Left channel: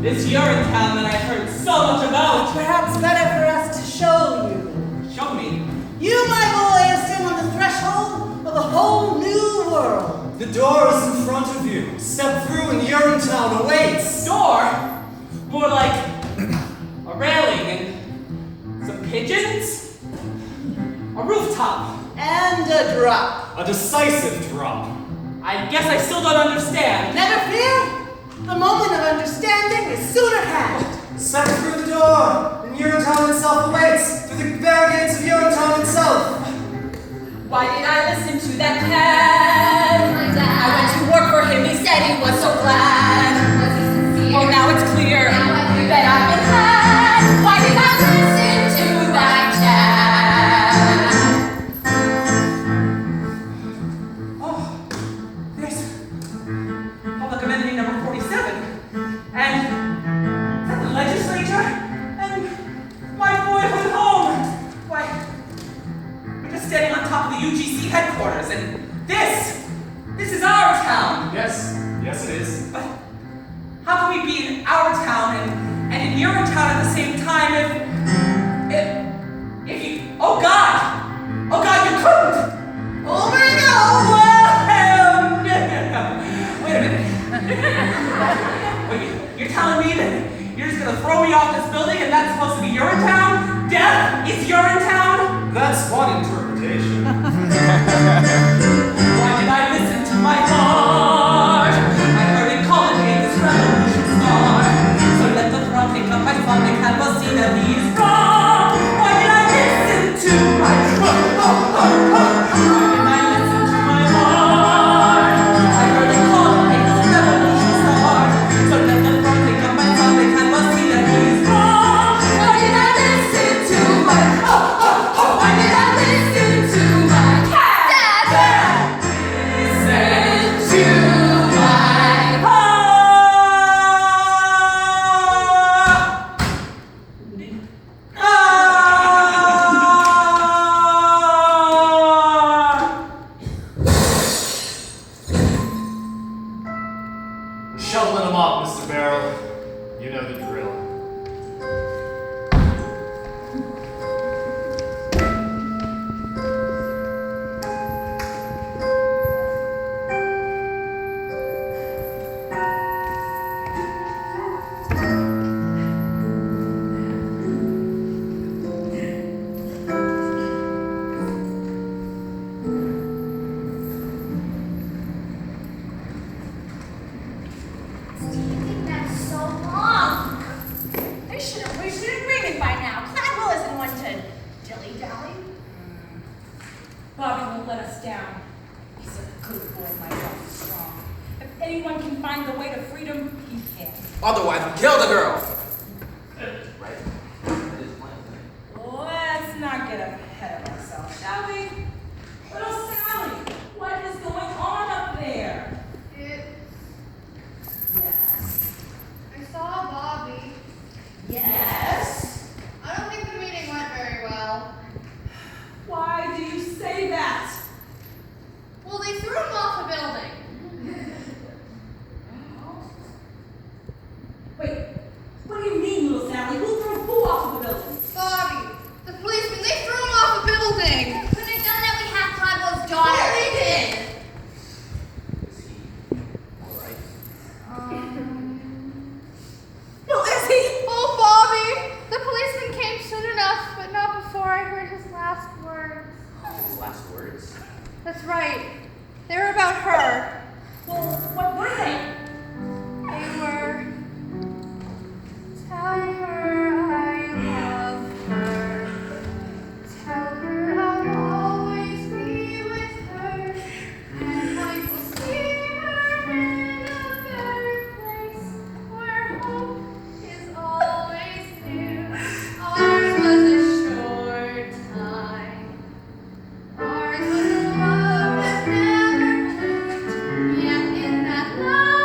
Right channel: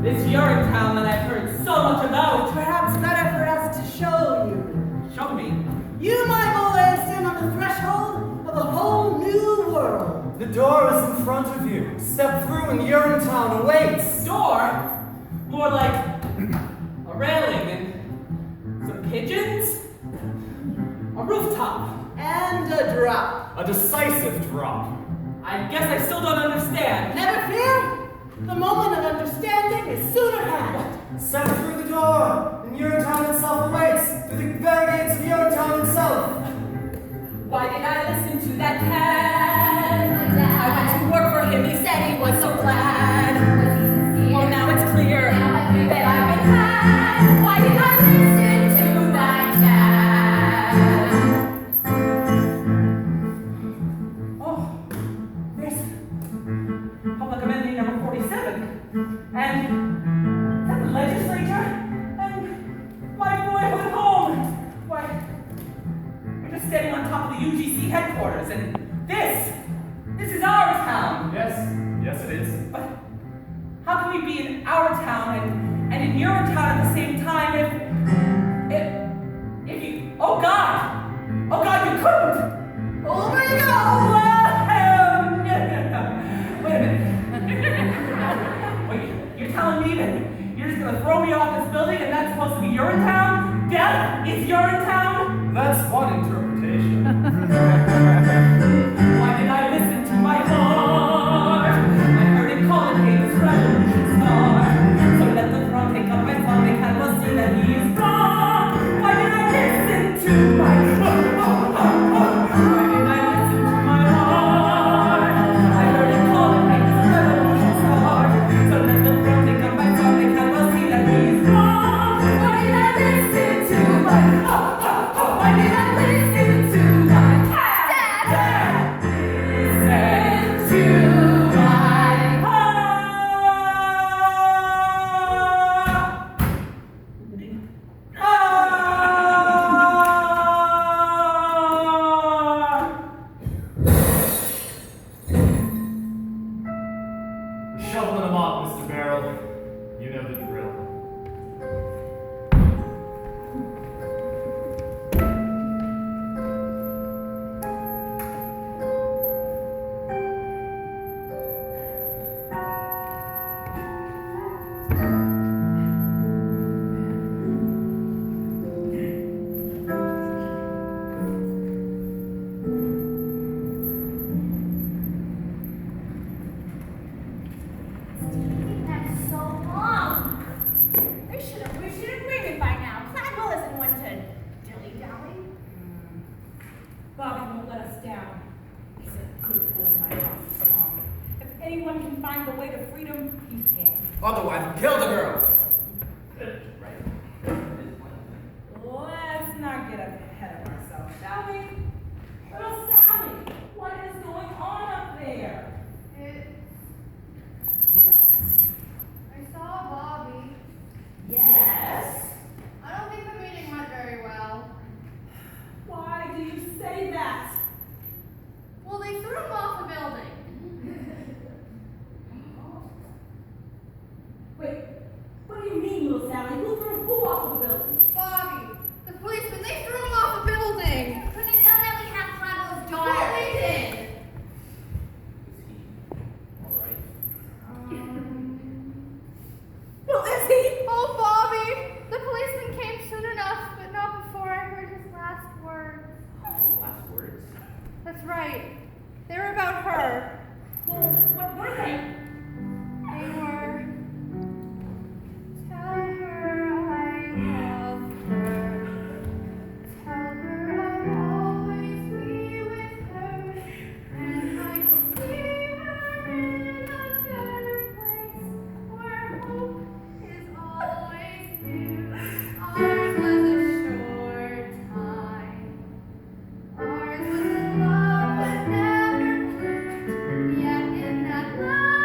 This Urinetown that I've heard so much about. Perhaps better for us to show you. Show me. You, my boy, stand on the threshold of a whole new world. The door is in front of you. Step through and Urinetown awaits. Door? More like a railing and some pigeons? A rooftop? And a drop. A decisive drop. I guess I still don't understand. Never fear. The moment of understanding is soon at hand. Step through the door, and Urinetown itself awaits. Through the barricades of Urinetown itself. Why did I listen to that cat? I went to work for him, he said he was so glad. Oh, now it's clear that I've been had. Why did I listen to that cat? Oh, there's public amendment number 47. And is that the legislature? And my boyhood home. Why, we're just standing on top of the UGC headquarters, and this is our town. Yes it is. But how can we be in our town and in Urinetown at the same time if you, oh God, you couldn't. Over and Well, no. Wait a minute. Wait, you're telling me that you're just gonna throw me off this building and that's supposed to be Urinetown? Death is Urinetown? That's one interpretation. Why did I listen to my heart? I heard it calling me this revolution star. So let the throne take up my song, they can't see that he is wrong. Why did I listen to my Why did I listen to my heart? I heard it calling me this revolution star. So let the throne take up my song, they can't see that he is wrong. Why did I listen to my Why did I listen to my cat? Listen to my Shoveling them up, Mr. Barrel. You know the drill. Taking them so long. They should have reached an agreement by now. Cladwell isn't one to dilly-dally. Bobby won't let us down. He's a good boy, my love is strong. If anyone can find the way to freedom, he can. Otherwise, we'll kill the girl. Let's not get ahead of ourselves, shall we? Little Sally, what is going on up there? Yes. I saw Bobby. Yes. I don't think the meeting went very well. Why do you say that? Well, they threw him off a building. Wait, what do you mean, little Sally? Who threw who off of the building? Bobby, the policeman, they threw him off a building. Couldn't have done that. We have Cladwell's daughter. Yeah, they did. Is he alright? Well, is he? Oh, Bobby, the policeman came soon enough, but not before I heard his last words. His last words? That's right. They were about her. Well, what were they? They were, tell her I love her. Tell her I'll always be with her. And I will see her in a better place where hope is always near. Ours was a short time. Ours was a love that never bloomed. Yet in that love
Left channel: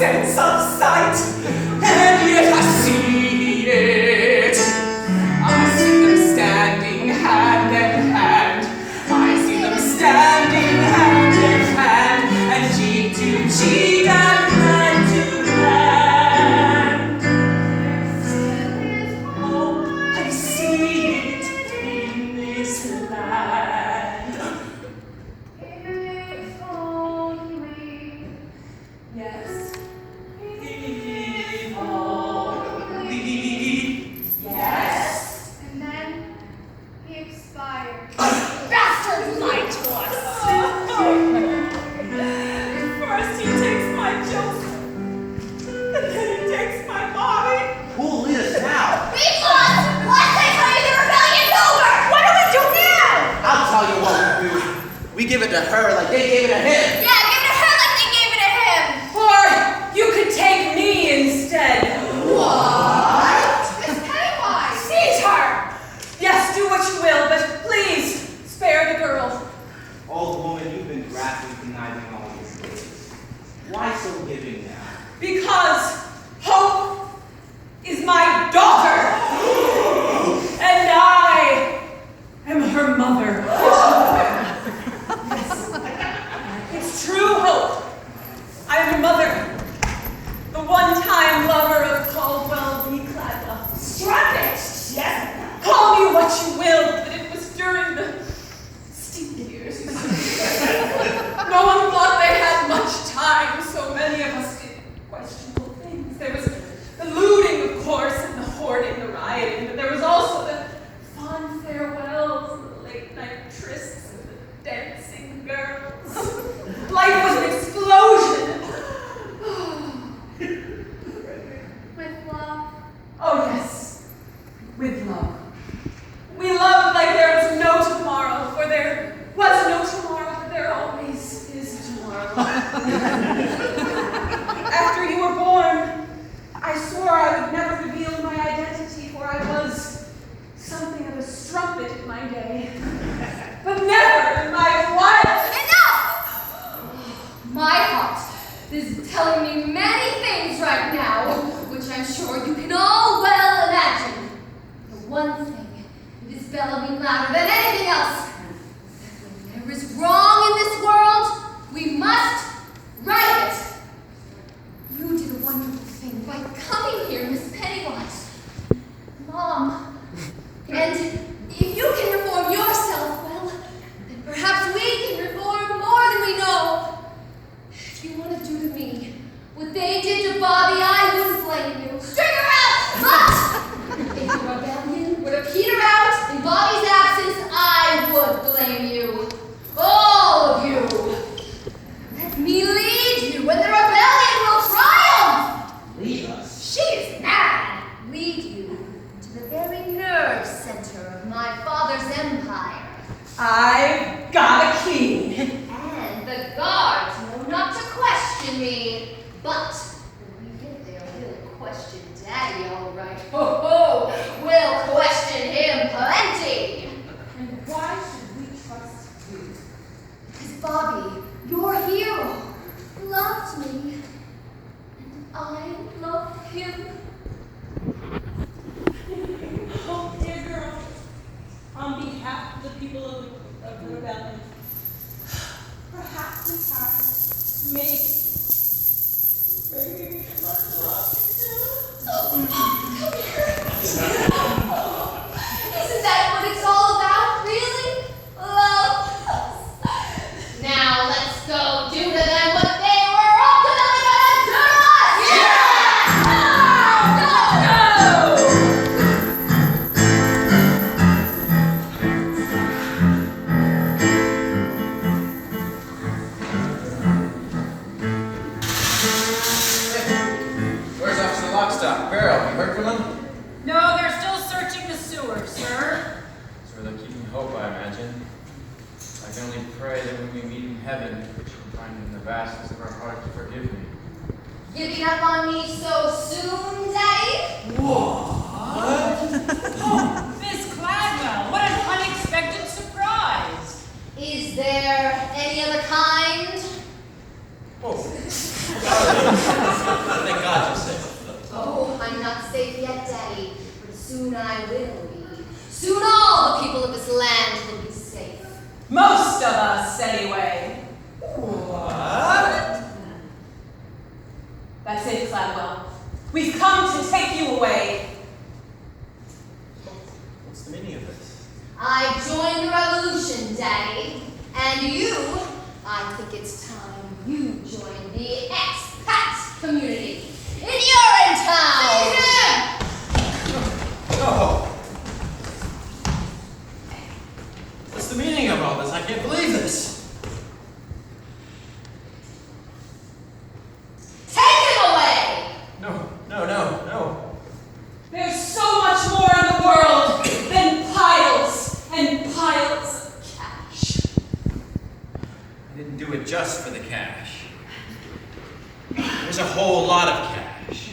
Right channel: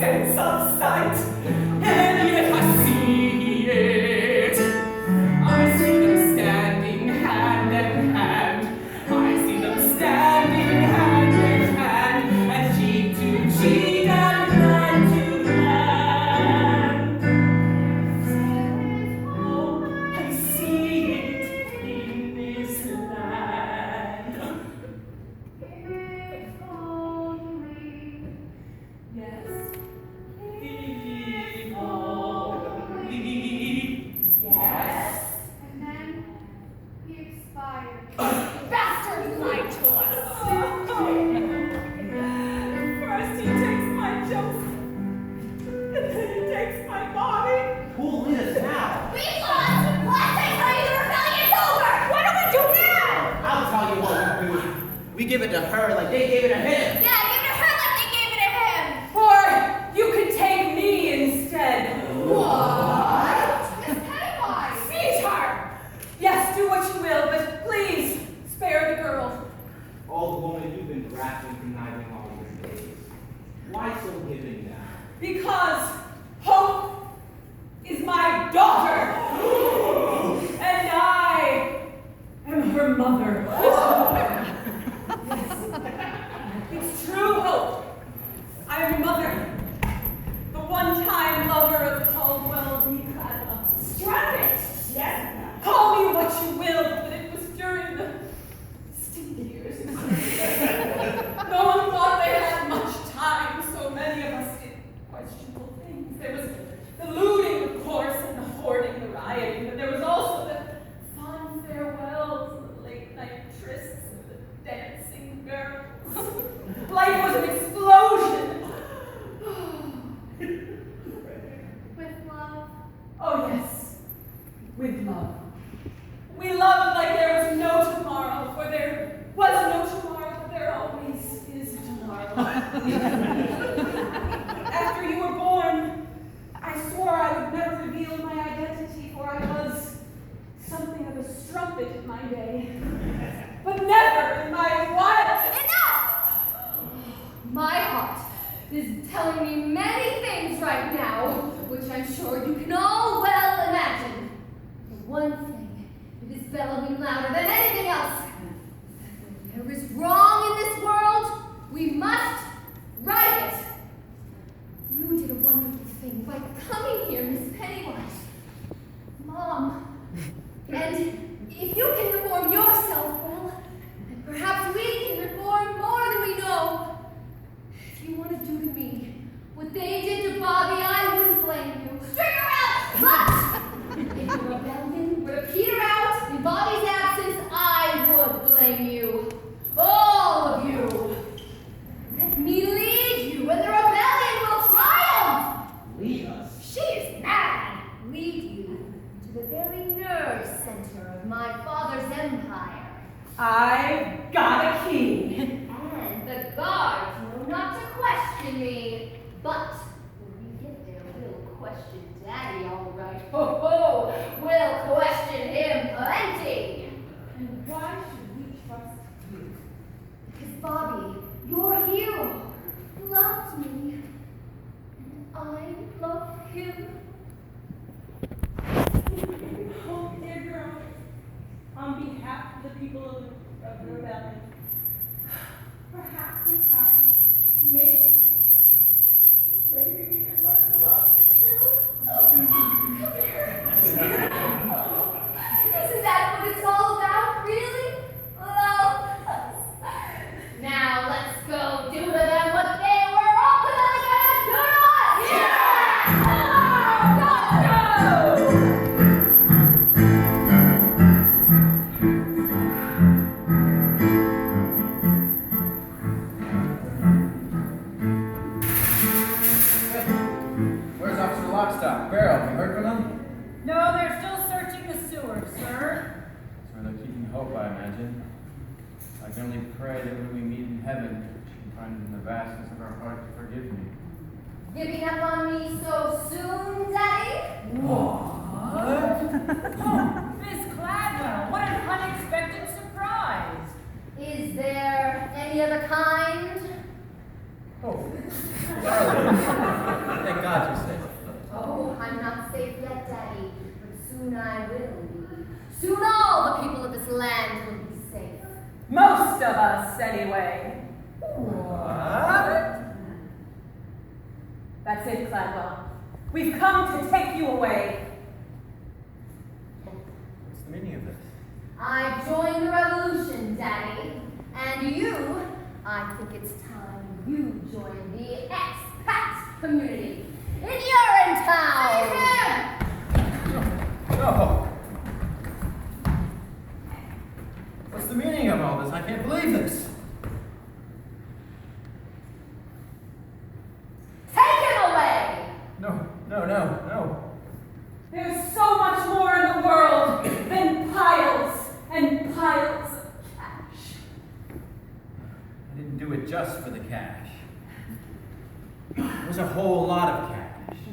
sense of sight, and yet I see it. I see them standing hand in hand. I see them standing hand in hand, and cheek to cheek and hand to hand. Oh, I see it in this land. If only, Yes. If only. Yes. and then he expired. Bastard lied to us. First he takes my jokes, and then he takes my body. Who'll lead us now? We've lost! Last I tell you, the rebellion's over! What do we do now? I'll tell you what we do. We give it to her like they gave it to him. Yeah, give it to her like they gave it to him! Or you could take me instead. Miss Pennywise! Seize her! Yes, do what you will, but please spare the girl. Old woman, you've been grasping conniving all these days. Why so giving now? Because Hope is my daughter. And I am her mother. Yes. It's true, Hope. I am your mother. The one-time lover of Caldwell v. Cladwell. Strike it! Yes. Call me what you will, but it was during the steep years. No one thought they had much time. So many of us did questionable things. There was the looting, of course, and the hoarding, the rioting, but there was also the fond farewells, and the late-night trysts, and the dancing girls. Life was an explosion. With love. Oh, yes, with love. We loved like there was no tomorrow, for there was no tomorrow, but there always is tomorrow. After you were born, I swore I would never reveal my identity, for I was something of a strumpet in my day. But never in my life. Enough! My heart is telling me many things right now, which I'm sure you can all well imagine. The one thing that is bellowing louder than anything else, that when there is wrong in this world, we must right it. You did a wonderful thing by coming here, Miss Pennywise. Mom, and if you can reform yourself, well, then perhaps we can reform more than we know. If you want to do to me what they did to Bobby, I wouldn't blame you. String her out! But if the rebellion were to peter out in Bobby's absence, I would blame you. All of you. Let me lead you, and the rebellion will triumph. Leave us. She is mad. Lead you to the very nerve center of my father's empire. I've got a key. And the guards know not to question me. But when we get there, we'll question Daddy, all right. Ho ho! We'll question him plenty. And why should we trust you? Because Bobby, your hero, loved me. And I loved him. Oh, dear girl, on behalf of the people of the rebellion, perhaps in time, maybe let's love you too. Come here. Isn't that what it's all about, really? Love. Now let's go do to them what they were ultimately gonna do to us! Yeah! Go! Where's Officer Lockstock? Barrel, you heard from them? No, they're still searching the sewer, sir. That's where they're keeping hope, I imagine. I can only pray that when we meet in heaven, you'll find in the vastness of our heart to forgive me. Giving up on me so soon, Daddy? Miss Cladwell, what an unexpected surprise. Is there any other kind? Oh. We've come to take you away. What's the meaning of this? I joined the revolution, Daddy. And you, I think it's time you join the expat community in Urinetown. No! What's the meaning of all this? I can't believe this. Take him away! No. There's so much more in the world than piles and piles of cash. I didn't do it just for the cash. There's a whole lot of cash.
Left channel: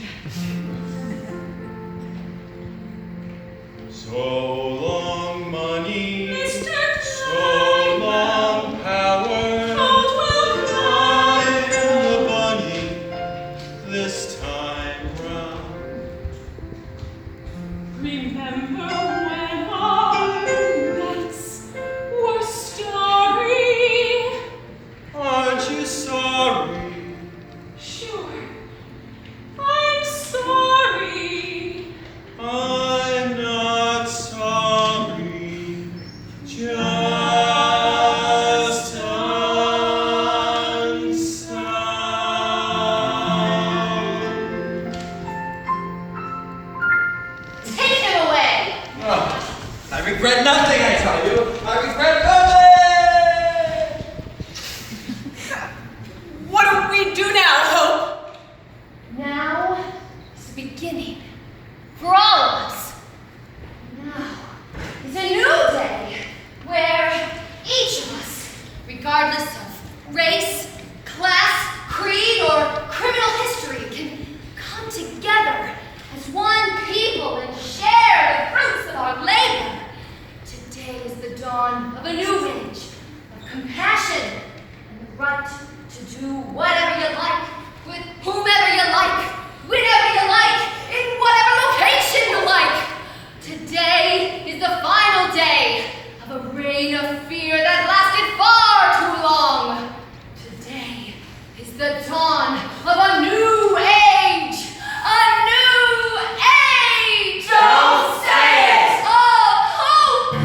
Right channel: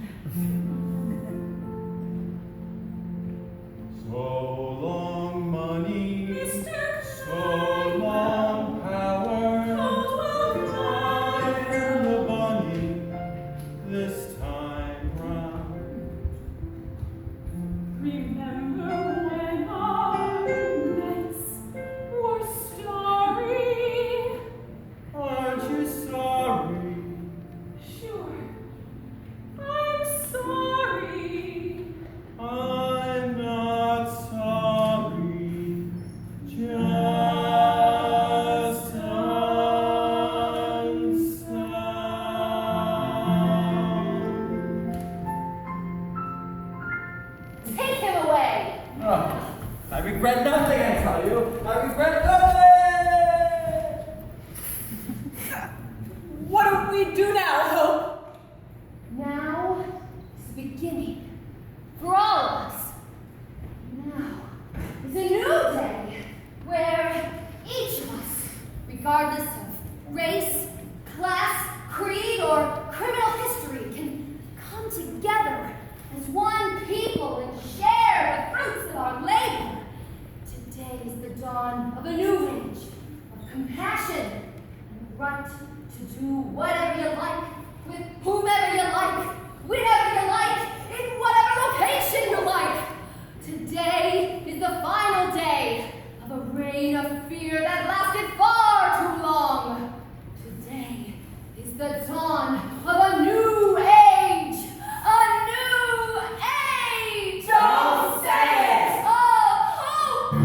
So long, money. Mr. So long, power. I am the bunny this time round. Remember when our nights were starry? Aren't you sorry? Sure, I'm sorry. I'm not sorry. Just unsound. Take him away! I regret nothing, I tell you. I regret nothing! What do we do now, Hope? Now is the beginning for all of us. Now is a new day where each of us, regardless of race, class, creed, or criminal history, can come together as one people and share the fruits of our labor. Today is the dawn of a new age of compassion and the right to do whatever you like, with whomever you like, whenever you like, in whatever location you like. Today is the final day of a reign of fear that lasted far too long. Today is the dawn of a new age. A new age! Don't say it! Of hope!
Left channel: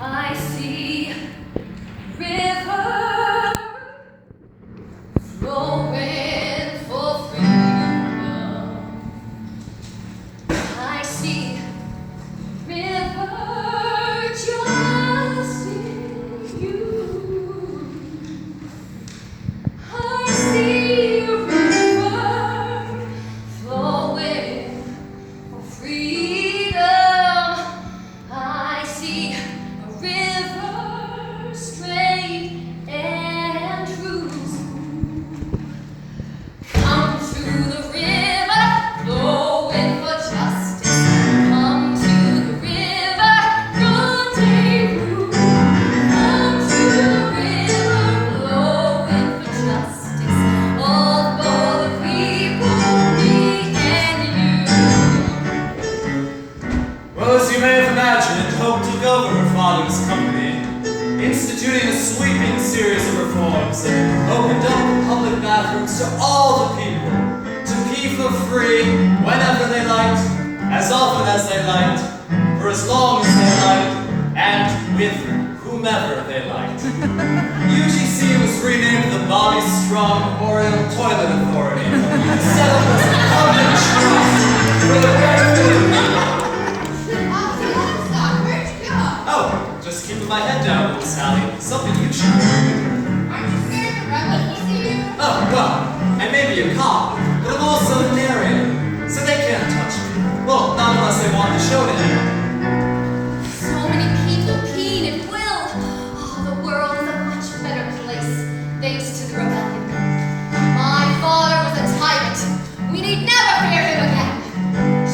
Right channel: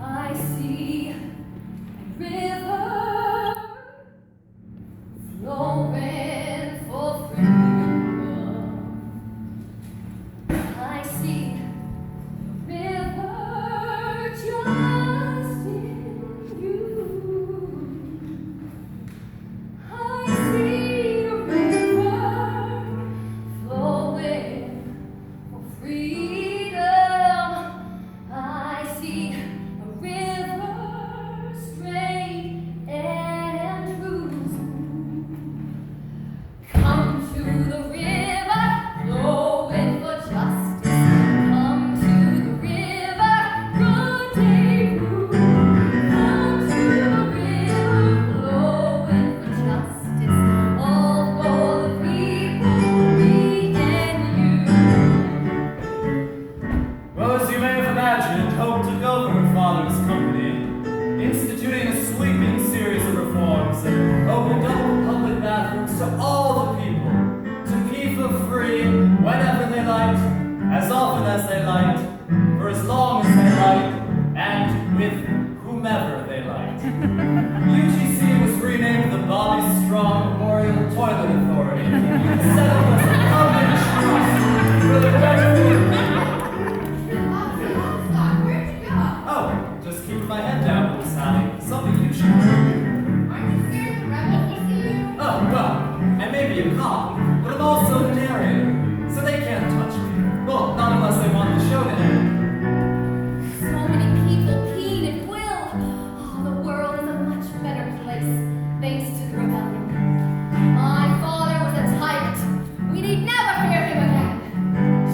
I see a river flowing for freedom. I see a river just in you. I see a river flowing for freedom. I see a river straight and true. Come to the river, flowing for justice. Come to the river, rendezvous. Come to the river, flowing for justice. All for the people, me and you. Well, as you may have imagined, Hope took over her father's company, instituting a sweeping series of reforms that opened up public bathrooms to all the people, to pee for free whenever they liked, as often as they liked, for as long as they liked, and with whomever they liked. UGC was renamed the Bobby Strong Memorial Toilet Authority, set up as a public trust for the benefit of the people. Where'd you go? Oh, just keeping my head down, little Sally. Something you should do. Aren't you scared the rebels will see you? Oh, well, I may be a cop, but I'm also a narrator, so they can't touch me. Well, not unless they want the show to end. So many people keen and will. Oh, the world is a much better place thanks to the rebellion. My father was a tyrant. We need never fear him again.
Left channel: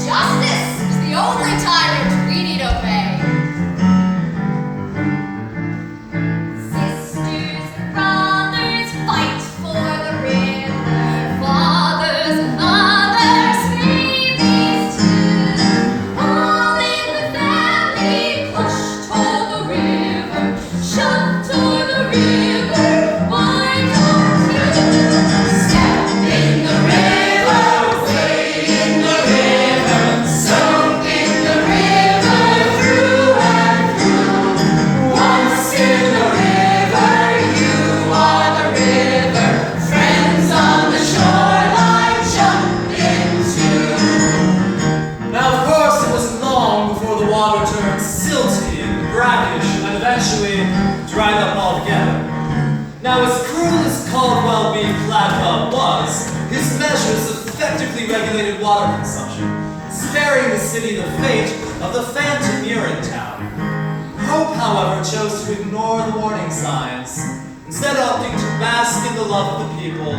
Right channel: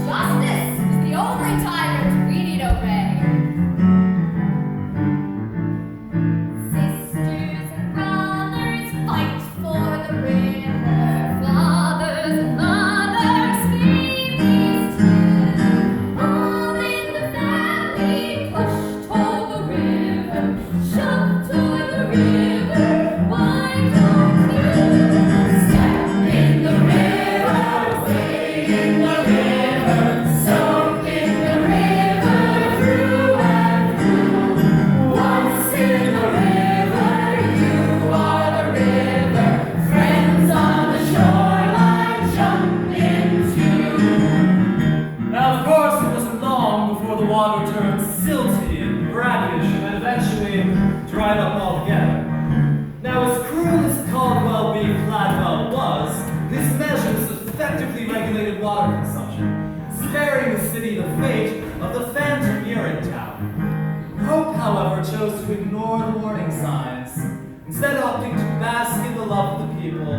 Justice is the only tyrant we need obey. dried up altogether. Now, as cruel as Caldwell v. Gladwell was, his measures effectively regulated water consumption, sparing the city the fate of the phantom Urinetown. Hope, however, chose to ignore the warning signs, instead opting to bask in the love of the people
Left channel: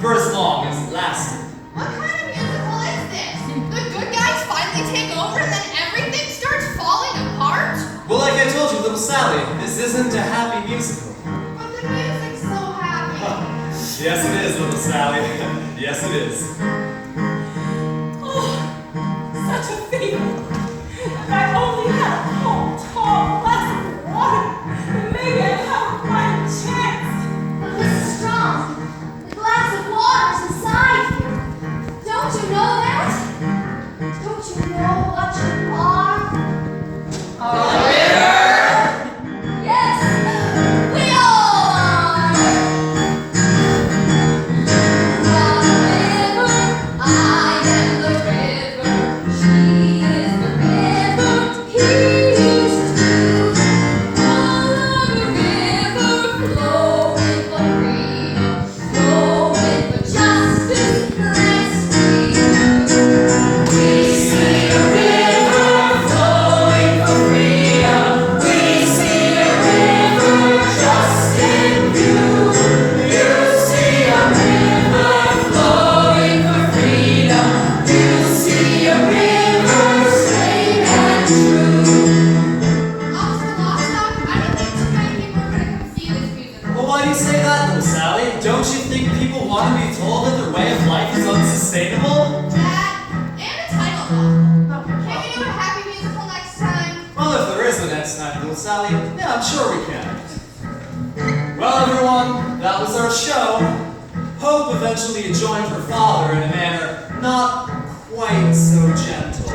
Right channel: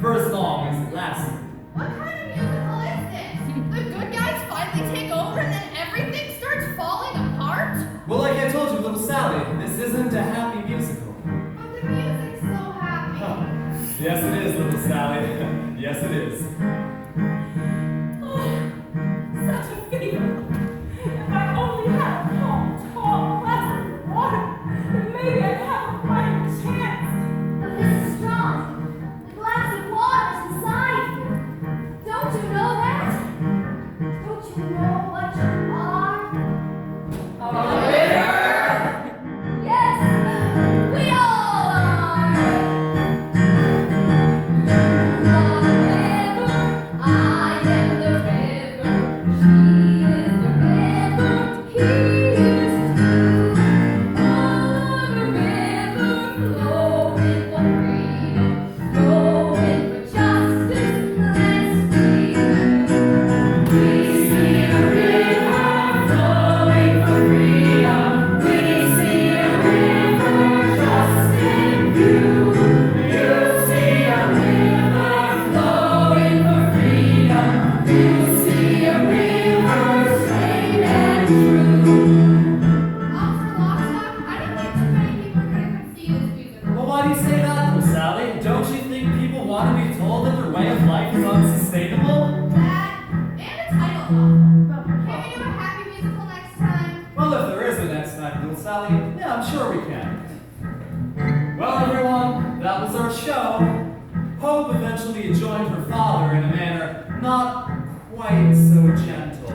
for as long as it lasted. What kind of musical is this? The good guys finally take over and then everything starts falling apart? Well, like I told you, little Sally, this isn't a happy musical. But the music's so happy. Yes, it is, little Sally. Yes, it is. Oh, such a feeling. If I only had a tall glass of water, then maybe I'd have a fighting chance. But this is strong. The glass of water's inside you. Don't you know that? Don't you know what you are? A river. Yes, we all are. You are the river, I am the river. She is the river, he is too. Follow the river, flowing for freedom, flowing for justice. Let's be true. We see a river flowing for freedom. We see a river just in view. You see a river flowing for freedom. You see a river straight and true. Officer Lostock, I didn't think too many people were going to come see this musical. Well, why do you say that, little Sally? Don't you think people want to be told that their way of life is unsustainable? That and a title novel. Can we do a happy musical next time? Well, if there is a next time, little Sally, yeah, I'm sure we can. Well, everyone, that was our show. Hope eventually joined her father in a manner not quite so gentle.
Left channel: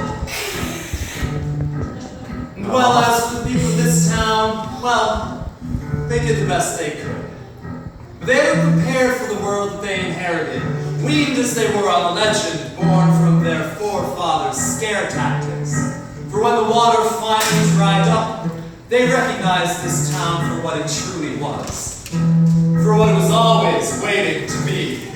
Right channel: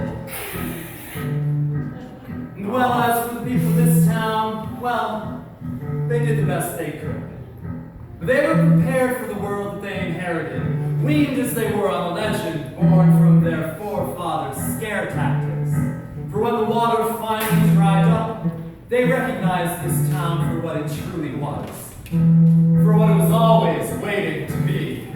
And well, as for the people of this town, well, they did the best they could. They were prepared for the world that they inherited, weaned as they were on the legend born from their forefathers' scare tactics. For when the water finally dried up, they recognized this town for what it truly was, for what it was always waiting to be.